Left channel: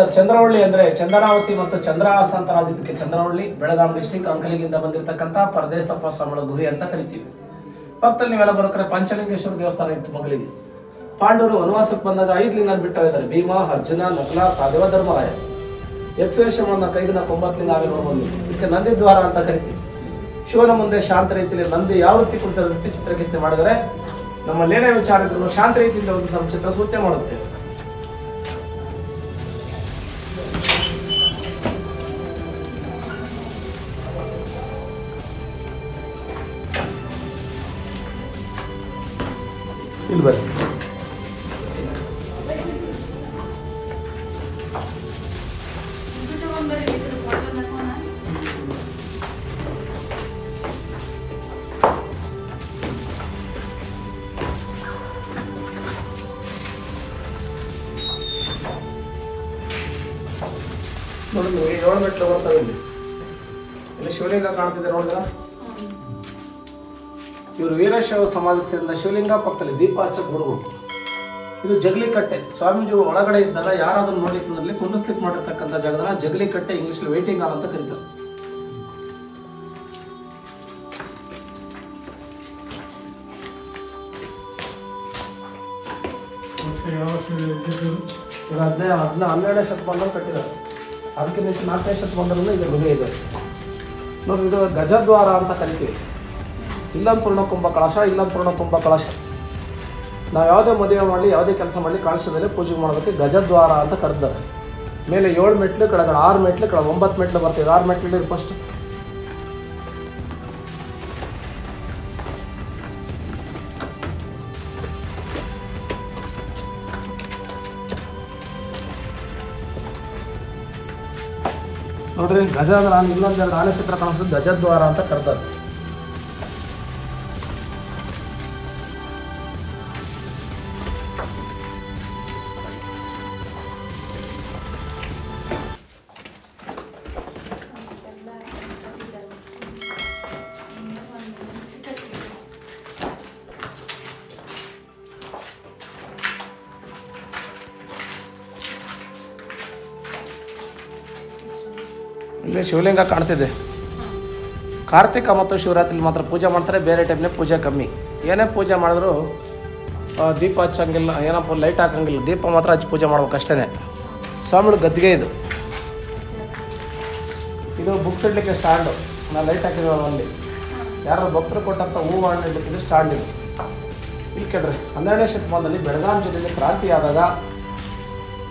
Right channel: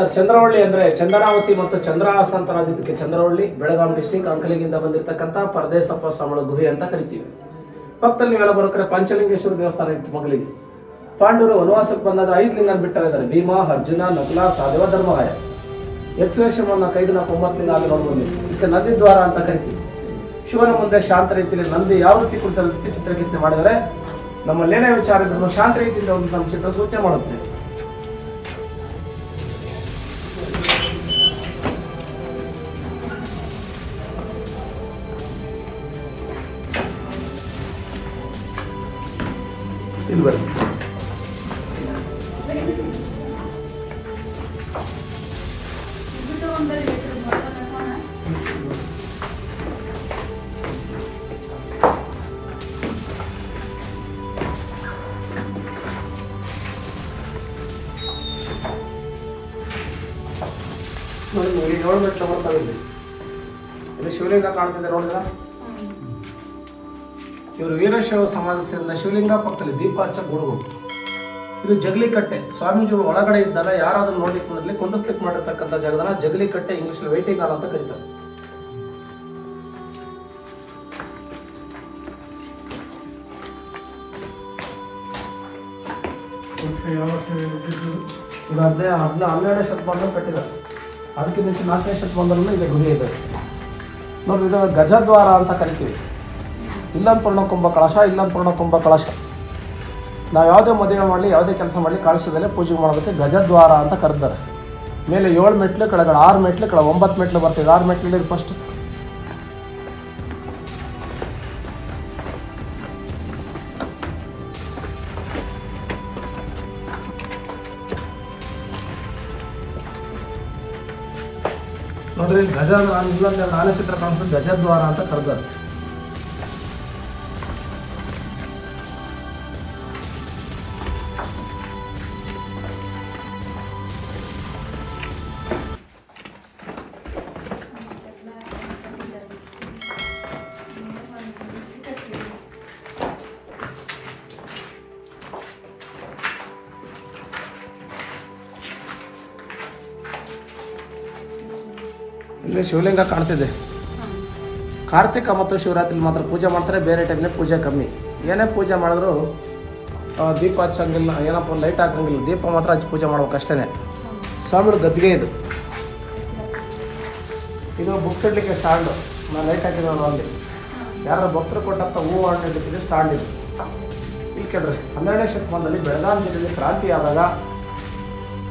Sir, Chandravalli ಅಂದರೆ ಚಂದನಾವತಿ ಮತ್ತು ಚಂದ್ರಹಾಸ ಅಂತ ರಾಜ್ಯಕ್ಕೆ ಚಂದ್ರವಳ್ಳಿ, ಬೆಳಗಾವಿ ಡಿಸ್ಟಿಕ್ ಅಂಕಲಿಗಿಂದ ಬಂದಿರತಕ್ಕಂಥ ಪರದೇಶಪ್ಪ ಸ್ವಾಮಿಗಳ ಗುಹೆ ಅಂತ ಕರಿತೀವಿ. ಪಕ್ಕದಲ್ಲಿ ನೀವೆಲ್ಲ ಬರೋಕ್ರೆ ಪಂಚಲಿಂಗೇಶ್ವರ ದೇವಸ್ಥಾನ ಇತ್ತು ಮಗಳಿಗೆ. ಪಾಂಡವರು ವನವಾಸಕ್ಕೆ ಬಂದಾಗ 5 ಲಿಂಗ ಬಿಟ್ಟೋಗಿದ್ದಾರೆ: ಭೀಮ, ಅರ್ಜುನ, ನಕಲ, ಸಾಧವ, ಧರ್ಮರಾಯ. ಯಕ್ಷವೇಷಮನ್ನ 5 ಲಿಂಗ 9 ಲಿಂಗ ಆಗಿ ನೋಡ್ಬೋದು. ಇದಕ್ಕೆ ನಂದಿ ದ್ವಾರ ಅಂತ ಕರಿತೀವಿ. ಶಿವನ ಮುಂದೆ ಶಾಂತ ರೀತಿಯಲ್ಲಿ ನಂದಿ ಯಾವ ರೀತಿ ಕುಳಿತ ರೀತಿ ಚಿತ್ರಕೆತ್ತನೆ ಮಾಡಿದರೆ ನಮ್ಮಲ್ಲಿ ಏನೇ ವಿಚಾರ ಇದ್ರು ಶಾಂತ ರೀತಿಯಿಂದ ಒಂದು ನಮ್ಮ ಚಿತ್ರ ಸೂಚನೆ ಮಾಡುತ್ತೆ. ಇಲ್ಲಿ ಬರ್ರಿ. ನೋಡಿ 7 ಮೆಟ್ಲು ಬರ್ತಾವೆ. ಇಲ್ಲಿ ಶಿವಲಿಂಗ ಕಾಣ್ತಿದೆ ನೋಡಿದ್ರ. ಇವರು ವೀರಶೈವ ಸಮಾಜಕ್ಕೆ ಸೇರಿದ ಶಿವಲಿಂಗ, ಪಕ್ಕದಲ್ಲಿ ದೀಪ ಹಚ್ಚಕ್ಕೆ ಹುಡುಗರು. ಇದು ಜಗಲಿಕಟ್ಟೆ. ಸ್ವಾಮೀಜಿಗಳು ಒಳಗಡೆ ಇದ್ದಾಗ ಯಾರಾದ್ರೂ ನೋಡ್ಲಿಕ್ಕೆ ಬಂದಲ್ಲಿ ಕುಂಡಿಸ್ಲಿಕ್ಕೆ ಮಾಡಿರ್ತಕ್ಕಂಥ ಜಾಗದನ್ನ ಜಗಲಿಕಟ್ಟೆ, ಇಂಗ್ಲಿಷ್ ವೇಟಿಂಗ್ ಹಾಲ್ ಅಂತ ಕರೀತಾರೆ. ಇದು 12ನೇ ಶತಮಾನದಲ್ಲಿ ಕಟ್ಟಿದ್ದಾರೆ. ಅದಕ್ಕೆ ಮುಂಚೆ 4ನೇ ಶತಮಾನದಲ್ಲೂ ಇದು ಗುಹೆ ಇದೆ. ನೋಡಿ, ಇದು ಗಜದ್ವಾರ ಅಂತ ಕರಿತೀವಿ. ಇಲ್ಲೊಂದು ಪೂರ್ಣಕುಂಭ ಕಳಶ, ಇಲ್ಲೊಂದು ಪೂರ್ಣಕುಂಭ ಕಳಶ. ನಾವು ಯಾವುದೇ ಮದುವೆ ಮಾಡಲಿ, ಯಾವುದೇ ಕೆಲಸ ಮಾಡಲಿ ಕಳಶ ಮೇಲೆ ಪೂಜೆ ಮಾಡೋದಕ್ಕೆ ಗಜದ್ವಾರ ಅಂತ ಕರೆದಿದ್ದಾರೆ. ಮೇಲೆ 7 ಮೆಟ್ಲು, ಕೆಳಗಡೆ 6 ಮೆಟ್ಲು, ಕೆಳಗೆ 9 ಮೆಟ್ಲು ಬರ್ತೀವಿ. 6 ಮೆಟ್ಲು ಫಸ್ಟ್. ನೋಡ್ರಿ, ಗಜ ಇಲ್ಲೊಂದು ಆನೆ ಚಿತ್ರ ಕಾಣಿಸ್ತದೆ, ಗಜದ್ವಾರ ಅಂತ ಕರೆದಾರೆ. ಇಲ್ಲಿ ಶಿವಲಿಂಗ ಕಾಣ್ತಿದೆ. ಕಾರ್ತಿಕ ಮತ್ತು ಶಿವರಾತ್ರಿ ಮಾತ್ರ ಪೂಜೆ ಮಾಡ್ತಾರೆ, ಬೇರೆ ಟೈಮ್ನಲ್ಲಿ ಪೂಜೆ ಕಮ್ಮಿ. ಏನೇ ಪೂಜೆ ಮಾಡಿದ್ರು ದೀಪ ಹಚ್ಚಂಗಿಲ್ಲ, ಏನಪ್ಪ ಲೈಟ್ ಹಾಕಂಗಿಲ್ಲ, ದೀಪ ಮಾತ್ರ ಹಚ್ಚಿ ಪೂಜೆ ಮಾಡ್ಬೇಕು ಅಷ್ಟೇ. ಸ್ವಾಮಿಗಳು ಗದ್ದಿಗೆ ಇದು. ಇದು ಬುಕ್ಸ್ ಇಡ್ಲಿಕ್ಕೆ ಸ್ಟ್ಯಾಂಡು. ನಾನು ಲೈಟ್ ಹಾಕಿದ್ವಿ ಅಲ್ಲಿ. ಯಾರೋ ಭಕ್ತರು ಕೊಟ್ಟಂಥ ಹೂವು ಹಣ್ಣು ಇಡ್ಲಿಕ್ಕೆ ಸ್ಟ್ಯಾಂಡ್ ಇದು. ಇಲ್ಲಿ ಕೇಳ್ರಿ, 12ನೇ ಶತಮಾನದಲ್ಲಿ ಬೆಳಗಾವಿ ಜಿಲ್ಲೆಗೆ ಕ್ರಾಂತಿ ಆದಾಗ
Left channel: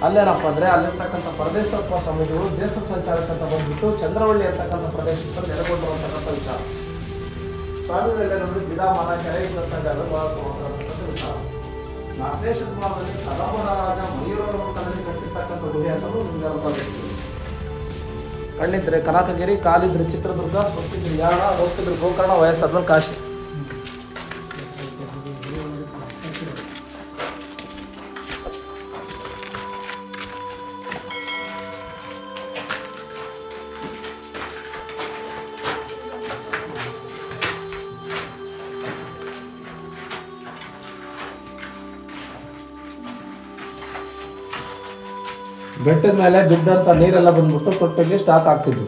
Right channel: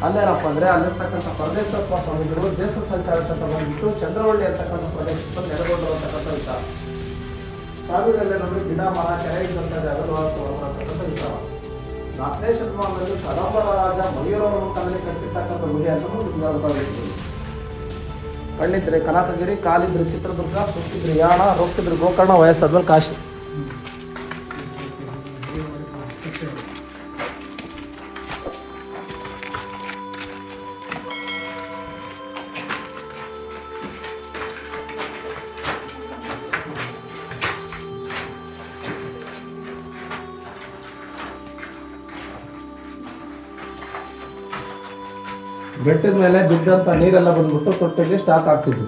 ಅಲ್ಲೇನಪ್ಪ ಅಂದರೆ ಅಲ್ಲಿರ್ತಕ್ಕಂಥ ಪರದೇಶಪ್ಪ ಸ್ವಾಮೀಜಿಗಳು ದೇಶ ಸಂಚಾರಕ್ಕಂತ ಬಂದ್ಬಿಟ್ಟು ಚಂದ್ರವಳ್ಳಿ ಅಂತಕ್ಕಂಥ ಪ್ರದೇಶಕ್ಕೆ ನೆಲೆಗೊಂಡು ಅಂತಕ್ಕಂಥ ವಿಚಾರ. ಸ್ವಾಮಿಗಳೆಲ್ಲ ನೋಡಿ ಗಿಡ ಮರ ಕೆಳಗಿದ್ದಂಥ ಜಾಗದಲ್ಲಿ ಅಂತಕ್ಕಂಥ ವಿಚಾರ. 4ನೇ ಶತಮಾನದಲ್ಲಿ ಕಲಾಪುರ ರಾಜ ಮಯೂರವರ ಮುಖದಲ್ಲಿ ಕಲಿಸಿರ್ತಕ್ಕಂಥ ಗುಹೆ ಅಂತ ಕಣ್ಣಿದ್ರೆ ಕನಕಗಿರಿ, ಕಾಲಿದ್ರೆ ಚಿತ್ರದುರ್ಗ, ಸುತ್ತಿದ್ರೆ ಯಾಣ, ಹೋಗ್ತಿದ್ರೆ ಗೋಕರ್ಣ, ವಯಸ್ಸಾದ್ರು ಕಾಶಿ. ಬೆಟ್ಟದ ಮೇಲೆ ಬಿದ್ದಂಥ ನೀರೆಲ್ಲ ಬಂದ್ಬಿಟ್ಟು ತೊಟ್ಟಲ್ಲಿ ಸ್ಟಾಕ್ ಆಗ್ತಿದ್ವು.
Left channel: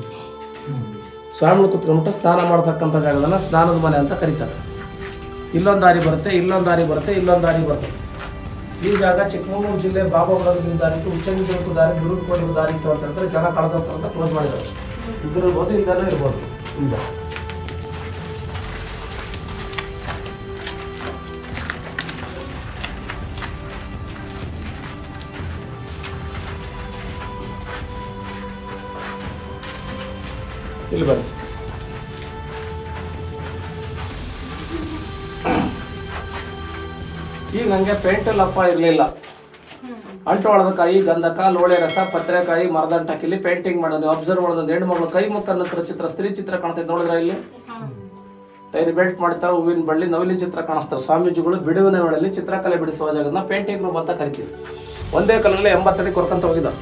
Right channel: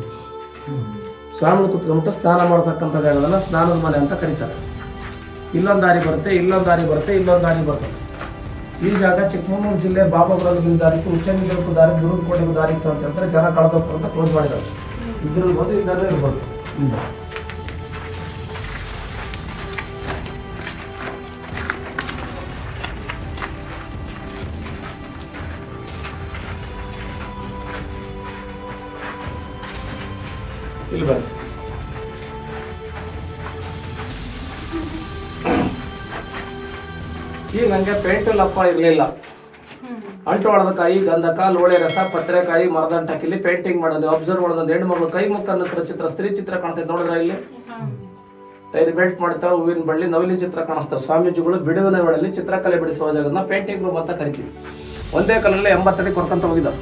ಸ್ವಾಮಿಗಳು ಕುತ್ಕೊಂಡ್ಬಿಟ್ಟು ಸ್ನಾನ ಮಾಡ್ತಕ್ಕಂಥ ಜಾಗದಲ್ಲ ಸ್ನಾನದ ಮನೆ ಅಂತ ಕರೀತಾರೆ. ಇಲ್ಲೊಂದು ದಾರಿ ಬರುತ್ತೆ, ಇಲ್ಲೊಂದು ದಾರಿ ಬರುತ್ತೆ, ಇಲ್ಲೊಂದು ದಾರಿ ಬರುತ್ತೆ. ಈ ಜಾಗ ಚಿಕ್ಕಮಗಳೂರು ಜಿಲ್ಲೆ ಬಾಬಾಬುಡದ ದಾರಿ ಇತ್ತು, ಉಚ್ಚಂಗಿರಿಗೂ ದಾರಿ, ಗುರುಕೋಟೆಗೂ ದಾರಿ ಇತ್ತು ಅಂತ ಹೇಳ್ತಾರೆ. ಜನ ಕಳೆದಪ್ಪು ಅಂತ ಕ್ಲೋಸ್ ಮಾಡಿದ್ದಾರೆ. ಇದಿರ್ಬೋದು, ಇದರಲ್ಲೂ ಇರ್ಬೋದು. ಇಲ್ಲ ಇಲ್ಲಿ ಬನ್ನಿ. ಈಗ ನನಗೆ ಪೇಂಟಲ್ಲಿ ಅಪ್ಪ ಇರಲಿಲ್ಲ. ಅಂಟು ಕಾಯಿ, ಗಂಧಕ, ಲೋಳೆ ರಸ, ಪತ್ರೆಕಾಯಿ, ಮರದಂಟಕ್ಕಿಲ್ಲಿ ಪೇಂಟಿಂಗ್ ಮಾಡೋದು. ಅಬ್ಸರ್ವ್ ಮಾಡೋದು. ಹೆಣ್ಣು ಮಗಳು ಕೈ ಮುಖ ಚಿತ್ರ, ಸ್ತ್ರೀ ಚಿತ್ರ ಕಾಣ್ತೈತೆ ನೋಡಿದ್ರೆ. ಇಲ್ಲಿ ಟೈರಿ ಬೆಲ್ಟ್ ಮಾಡ್ತಾರೆ, ಹೂವಿನ ಬಳ್ಳಿ, ನವಿಲಿನ ಚಿತ್ರ ಕಾಣಿಸ್ತಾರೆ. ಸ್ವಾಮೀಜಿಗಳು ಬಿಡುವಿನ ವೇಳೆಯಲ್ಲಿ ಚಿತ್ರಕಲೆ ಬಿಡಿಸುವ ಜಾಗನ ಪೇಂಟಿಂಗ್ ರೂಮ್ ಅಂತ ಕರಿತೀವಿ. ಒಂದೇ ಕಲ್ಲಲ್ಲಿ 80 ಅಡಿ ಕೊರ್ಕಂತ ಹೋಗಿದ್ದಾರೆ.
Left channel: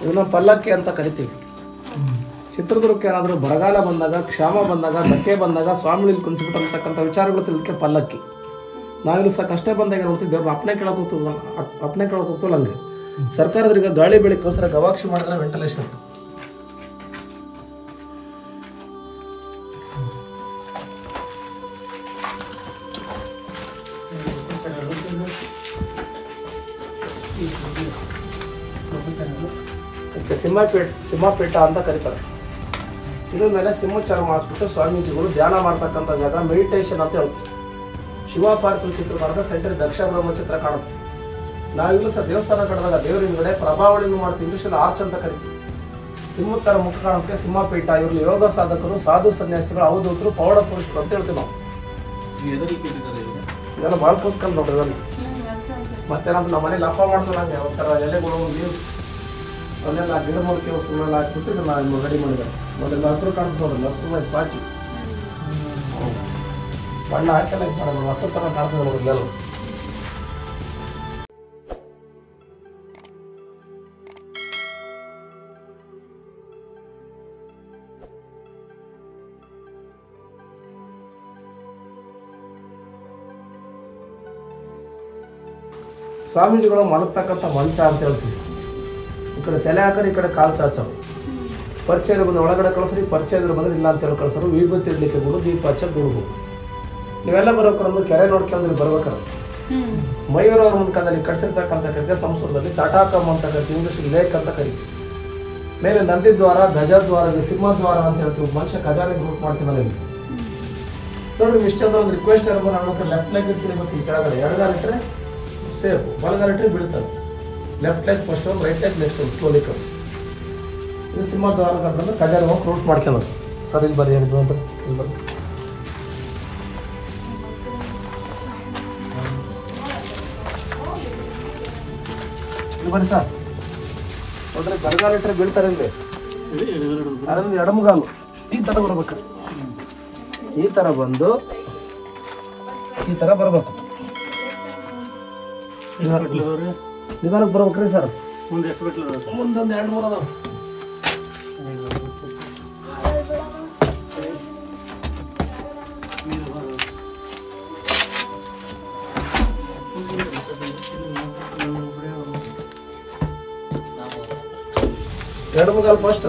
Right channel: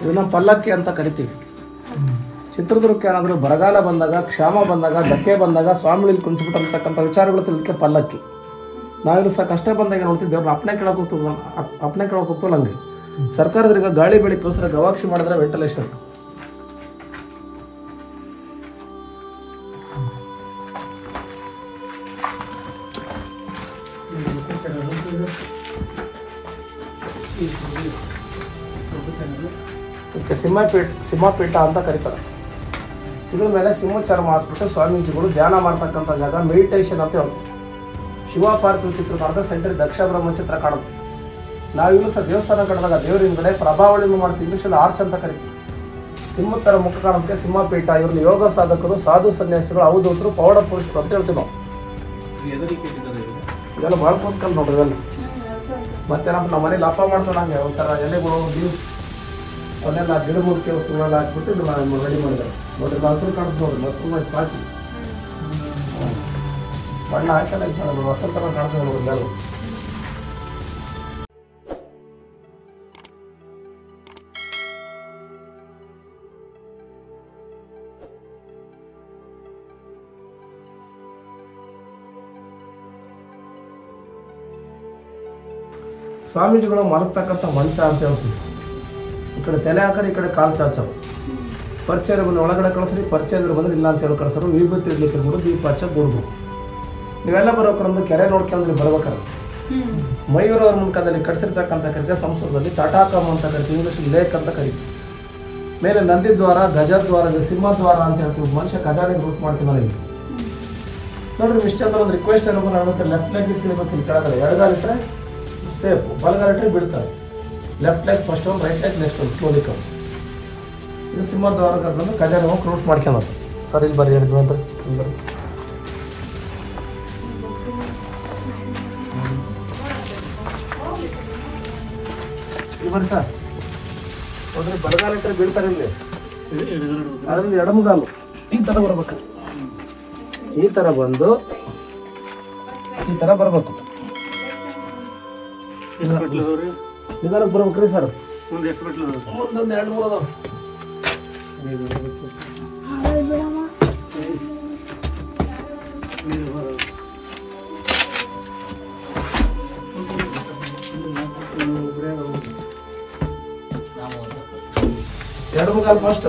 ಇದನ್ನ ಪಲ್ಲಕ್ಕಿ ಅಂತ ಕರಿತೀವಿ. ಚಿತ್ರದುರ್ಗಕ್ಕೆ ಏನಾದರೂ ಬರಗಾಲ ಬಂದಾಗ, ಕ್ಷಾಮ ಬಂದಾಗ, ಧಕ್ಕೆ ಬಂದಾಗ ಸ್ವಾಮಿಲಿ ಕುಣಿಸ್ಬಿಟ್ಟು ಅಂತಕ್ಕಂಥ ವಿಚಾರಗಳು ತಿಳಿದಕ್ಕೆ ಪಲ್ಲಕ್ಕಿ. ನಾವಿಲ್ಲಿ ಸಹ ಕಷ್ಟ ಬಂದಾಗ ನೋಡ್ತಿದ್ದೆ, ಅಪ್ಪಣೆ ಕೇಳೋಕೆ ಹೋಗ್ತಲ್ಲ ಹಂಗೆ. ಸರ್ಕಾರದ್ರೀಗ ಗಾಳಿ ಬೆಳಕೋಸ್ಕರ ಗವಾಕ್ಷಿ ಮಾಡಿದ್ರೆ ವೆಂಟಿಲೇಷನ್. ಇದಕ್ಕೆ ಸಿಂಹಪೀಠ ಅಂತ ಕರೀತಾರೆ. ಇದ್ರ ಮೇಲೆ ಸಿಂಹೋಚ್ಚಾರ ಮಾಡಿಸ್ಬಿಟ್ಟು ಸ್ವಾಮೀಜಿಗಳು ಧ್ಯಾನ ಮಾಡ್ತಕ್ಕಂಥ ಜಾಗ, ಮೆಡಿಟೇಷನ್ ಅಂತ ಹೇಳ್ತಾರೆ. ಶಿವಪಾರ್ವತಿ ಚಿತ್ರ ಮಾಡಿದ್ರೆ ಸೆಂಟರ್ ದಕ್ಷ ಬ್ರಹ್ಮ ಚಿತ್ರ ಕಾಣುತ್ತೆ. ನಾವಿಲ್ಲೂ ಸಹ ದೇವಸ್ಥಾನ ಕಳೆದಾಗ ದೇವ್ರ ಹಿಂದ್ಗಡೆ ಪ್ರಭಾವಳಿಯನ್ನು ಮಾಡ್ತೀವಿ, ಇಂಗ್ಲೀಷಲ್ಲಿ ಆರ್ಚ್ ಅಂತ ಕರಿತೀವಿ. ಸಿಂಹದ ಥರ ಮುಖ ಕಾಣೋದಕ್ಕೆ ಸಿಂಹಪೀಠ. ಇವ್ರು ಯೋಗ ಸಾಧಕರು, ಸಾಧು ಸನ್ಯಾಸಿಗಳು, ಅವಧೂತರು, ಪೌಡ ಪುರುಷರು ಅಂತ ಹೇಳ್ತೀವಿ ನಾವು. ಇದೆಲ್ಲ ಭಾಳ ಕೂತ್ಕೊಂಡು ನೋಡ್ರಿ ಇವೆಲ್ಲ. ಮತ್ತೆ ನಮ್ಮ ಮನೇಲಿ ಹಬ್ಬ ಮಾಡ್ತಾನೆ ಒಂಥರ ಎಲೆಗಳು, ಲೀವ್ಸ್ ಅವನ್ನೆಲ್ಲ ಗಿಡ ಮೂಲಿಕೆ ವಸ್ತುಗಳೆಲ್ಲ ಹಾಕ್ಬಿಟ್ಟು ಇದನ್ನ ರೆಡಿ ಮಾಡಿದ್ದಾರೆ ನೋಡ್ರಿ. ಹಸಿರು ಕಾಣುತ್ತೆ ನೋಡ್ರಿ, ಹಸಿರು ಪಾಚಿ ಬಣ್ಣ ಹಾಕೆಲ್ಲ ಇದು ಮಾಡೋದು, ಹಸಿರು ಥರ ಕಾಣ್ತದೆ ನೋಡ್ರಿ ಎಲ್ಲ. ಸ್ವಾಮೀಜಿಗಳು ಮಲಗ್ತಕ್ಕಂಥ ಮಂಚ ಅಂತ ಹೇಳ್ತೀವಿ. ಈ ಕಡೆ ತಲೆ ಹಾಕೋರು, ಈ ಕಡೆ ಕಾಲು ಚಾಚೋರು. ಪರಿಚಯ ಬಂದು ಒಳಗಡೆ ಕಳಿಸ್ರಿ, ಪರಿಚಯ ಬಂದ್ರೆ ಇಲ್ಲ ಅಂತ ಹೇಳಿ ಕಳಿಸೋರು. ವಿಭೂತಿ ಇಡ್ಲಿಕ್ಕೆ ಬಿಡು, ದೀಪ ಹಚ್ಚಕ್ಕೆ ಬಿಡ್ಬೇಕು. ನೀವೆಲ್ಲ ಬರೋಕ್ಕೊಂದು ಕೆರೆ ನೋಡ್ಕೊಂಡು ಬರ್ಬೇಕಾದ್ರೆ ಮಯೂರ ಅವ್ರ ಮುಖದಲ್ಲಿ ಕಟ್ಸಿರ್ತಕ್ಕಂಥ ಕರಿಗೆ ಸಂಸ್ಕೃತದಲ್ಲಿ ತಟಾಕಮ್ ಅಂತ ಕರಿತೀವಿ, ಇಂಗ್ಲೀಷ್ ಲೇಕ್ ಅಂತ ಕರಿತೀವಿ. ಮೇಲೆ ನಂದಿದ್ವಾರ, ಧ್ವಜದ್ವಾರ, ಸಿಂಹದ್ವಾರ ಅಂತ ಹೇಳ್ತೀವಿ. ಮನುಷ್ಯ ಖಜಾನೆ ಗ್ರೂಪ್ ಮಾಡ್ತಿದ್ದಾರೆ ನೋಡ್ರಿ. ಇಷ್ಟೆಲ್ಲ ಒಂದು ರಿಕ್ವೆಸ್ಟ್ ಇರೋದು, ನಾನು ಲೆಫ್ಟ್ ಲೆಗ್ ಇರ್ತೀವಿ. ಮತ್ತು ಈ ಕೆಳಗಡೆ ಎಡಗಾಲ ಇಟ್ಟರೆ ಸೇಫ್, ಬಲಗಾಲ ಇಟ್ಟರೆ ಬಿಡ್ತಾರೆ. ಲೆಫ್ಟ್ ಲೆಗ್ ಫಸ್ಟ್ ಒಂದು, ರೈಟ್ ಲೆಗ್ ನೆಕ್ಸ್ಟ್ ಒಂದು, ಸ್ಲೋಲಿ ಕಮ್. ಇದು ಸಿಂಹದ್ವಾರಕ್ಕೆ ಬಂದು ಖಜಾನೆ ಹೋಗಿ ಕ್ಲೋಸ್ ಮಾಡ್ಕೊಳ್ಳೋದು. ಸರ್ ಇಲ್ಲಿ ಬರ್ರಿ, ಏನಿದ್ರು ಅಂತ ಇಲ್ಲಿ ಬರ್ರಿ. ಇಲ್ಲಿ ಬರ್ರಿ ಸರ್. ನೋಡ್ರಿ, ಬಲಗಾಲ ಇಟ್ಟರೆ ಬೀಳ್ತಾರೆ ಇಲ್ಲಿ. ಅದರಿಂದ ಎಡಮಗಾಲು ಈ ಥರ ಬರ್ಬೇಕ್ರಿ. ಈ ಥರ ಬಂದು ಈ ಥರ ಬರ್ಬೇಕು. ನಿಧಾನಕ್ಕೆ ಬರ್ಬೇಕ್ರಿ ಸರ್. ಮುಂದೊಂದು 2-3 ಅದಾವ. ಎಡಮಗಾಲ್ ಫಸ್ಟ್.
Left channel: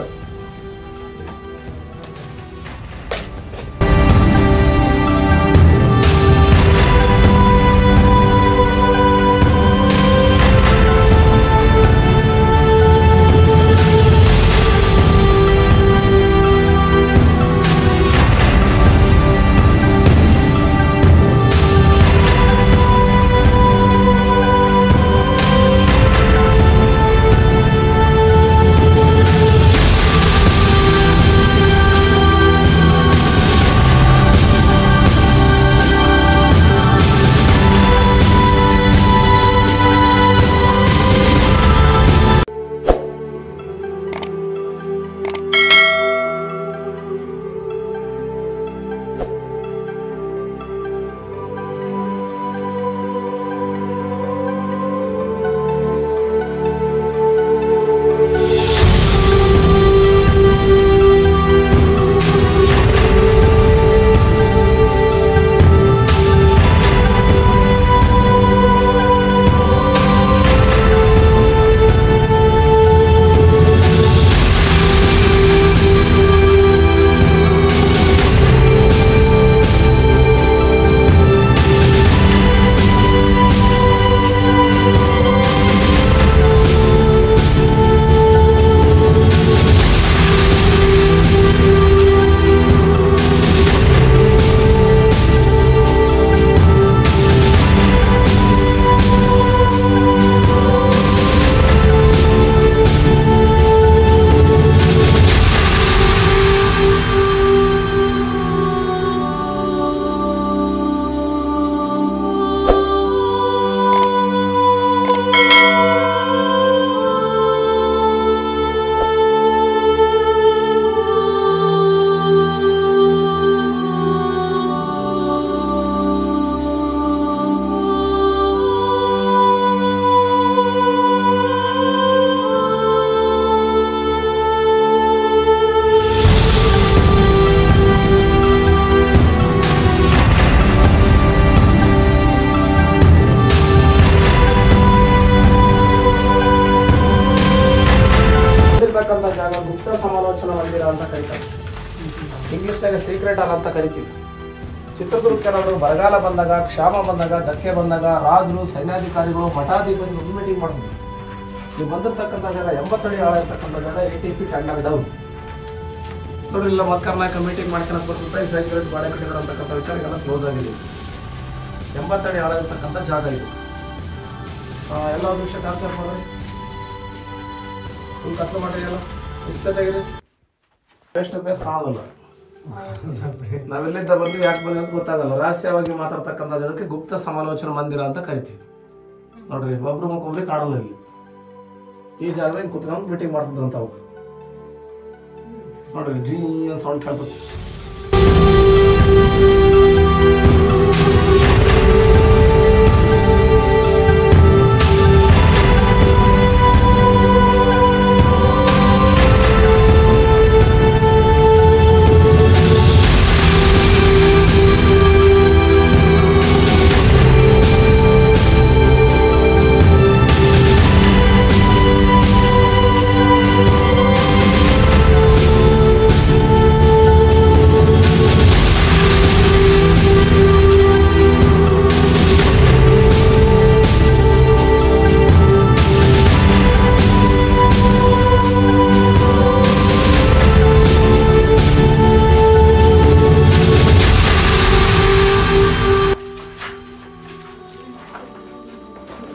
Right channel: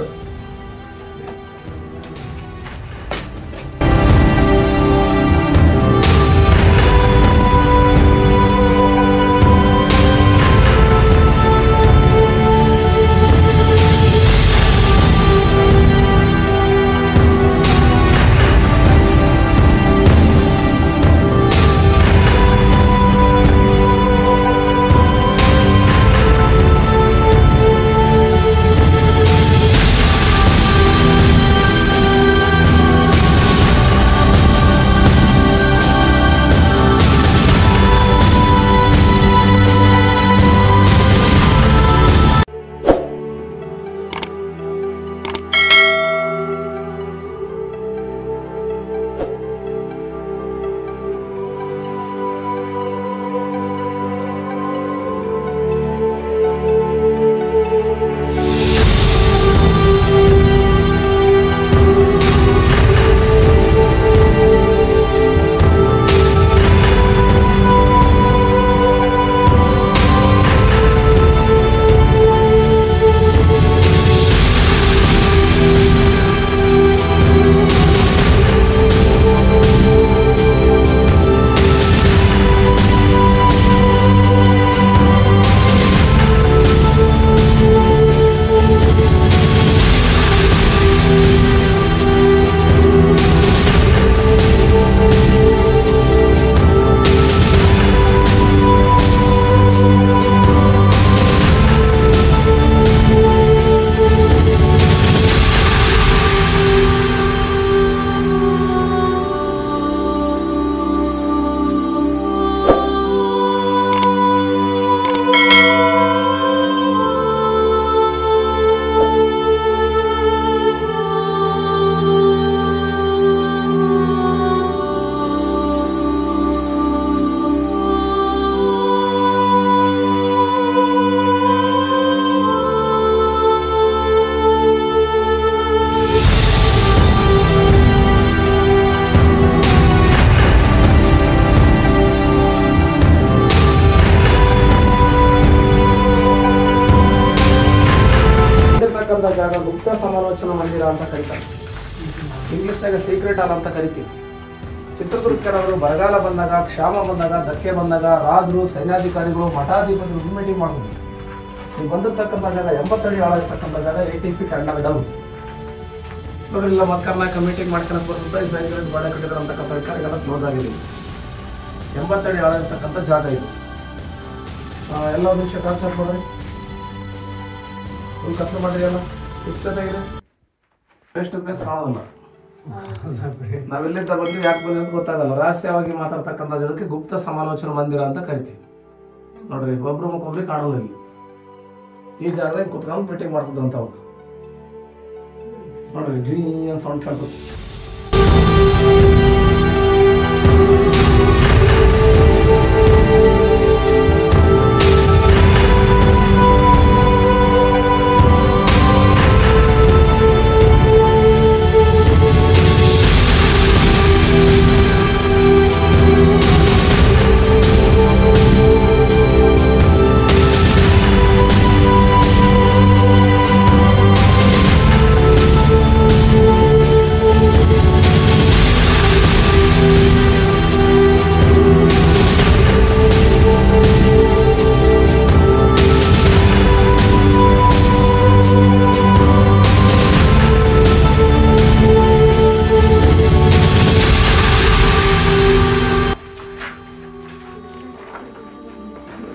ಜೊತೆಗೆ ಸೀಕ್ರೆಟ್ ಹಾಲ್ ಅಂತ ಕರಿತೀವಿ. ಚಿತ್ರದುರ್ಗ ಕಡೆಯವರು ಬರಗಾಲ ಬಂದಾಗ, ಕ್ಷಾಮ ಬಂದಾಗ, ಧಕ್ಕೆ ಬಂದಾಗ ರಾಜರು, ಸೈನ್ಯಾಧಿಕಾರಿಗಳು, ಮಠಾಧಿಪತಿಗಳು ಮೀಟಿಂಗ್ ಮಾಡಿದ್ವಿ. ನೀವು ಬಂದಿರ್ತಕ್ಕಂಥ ಜಾಗ 80 ಅಡಿ ಆಳ ಇರ್ತಕ್ಕಂಥ ಜಾಗ 80 ಫೀಟ್ ಅಂಡರ್ ಡೌನ್ ನೋಡ್ರಿ. ಇಲ್ಲ ಮತ್ತೆ ಕರ್ನಾಟಕ ಮೀಟಿಂಗ್ ಮಾಡ್ಕೊಂಡು ಬರ್ತದೆ, ಸೈನ್ಯಗಳು ಬಾಡೆ ಕಟ್ಟಿದ್ರು ಅಂತಕ್ಕಂಥ ವಿಚಾರಗೆಲ್ಲ ಕ್ಲೋಸ್ ಆಗಿದೆ. 80 ಅಡಿ ಆಳ ಇರ್ತಕ್ಕಂಥ ಜಾಗ ಇದು. ಎಲ್ಲ ಒಂದು ನಿಮಿಷ ಕಾನ್ಸೆಪ್ಟ್ ಮಾಡ್ರಿ, ಫುಲ್ ಕತ್ಲು ಮಾಡಿರಿ, ಎಲ್ಲ ಇಷ್ಟೇ ತೆಗಿರಿ, ಫೇಸ್ ಟು ಫೇಸ್ ಕಾಣೋದಿಲ್ಲ. ನಾವೆಲ್ಲಿದ್ದ ಬಂದು ಯಾಕೆ ಬಂದ್ವಿ ಅಂತ ಗೊತ್ತಾಗಲ್ಲ. ರಹಸ್ಯವಾಗಿ ಮಾತಾಡ್ತಕ್ಕಂಥ ಜನಕ್ಕೆ ಗುಪ್ತ ಸಮಾಲೋಚನಾ ಮಂದಿರ ಅಂತ ಕರಿತೀವಿ. ನೋಡ್ರಿ ಒಬ್ರು ಮುಖೊಬ್ರಿಗೆ ಕಾಣೋದಿಲ್ಲ. ಈ ಜಾಗದಾಗ ಕುತ್ಕೊಂಡು ಮೀಟಿಂಗ್ ಮಾಡ್ತಿದ್ದಂಥವು ನೋಡ್ರಿ, ಜೀ ಅಂತ ಸೌಂಡ್ ಕೇಳ್ತದೆ.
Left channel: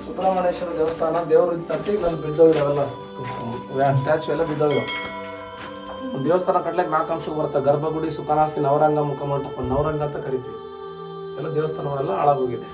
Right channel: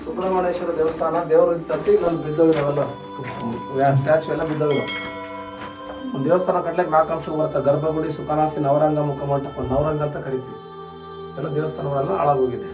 ಸುಬ್ರಹ್ಮಣ್ಯೇಶ್ವರ ದೇವಸ್ಥಾನ, ದೇವರು ತಟ್ಟಿ ಇಲ್ಲಿ ಬಿದ್ದೋಗಿರೋಲ್ಲ, ಸ್ಟ್ಯಾಚು ಎಲ್ಲ ಬಿದ್ದೋಗಿರೋ. ಒಂದು ದೇವಸ್ಥಾನ ಕಟ್ಲಿಕ್ಕೆ 4 ಅಂಶಕ್ಕೆ ಬರುತ್ತೆ: ಗರ್ಭಗುಡಿ, ಸುಖನಾಸಿ, ನವರಂಗ, ಮುಖಮಂಟಪ. ನವರಂಗ ಅಂತ ಕರಿತೀವಿ. ಎಲ್ಲ ದೇವಸ್ಥಾನಗಳೆಲ್ಲ ಹಾಳಾಗೋಗಿದೆ.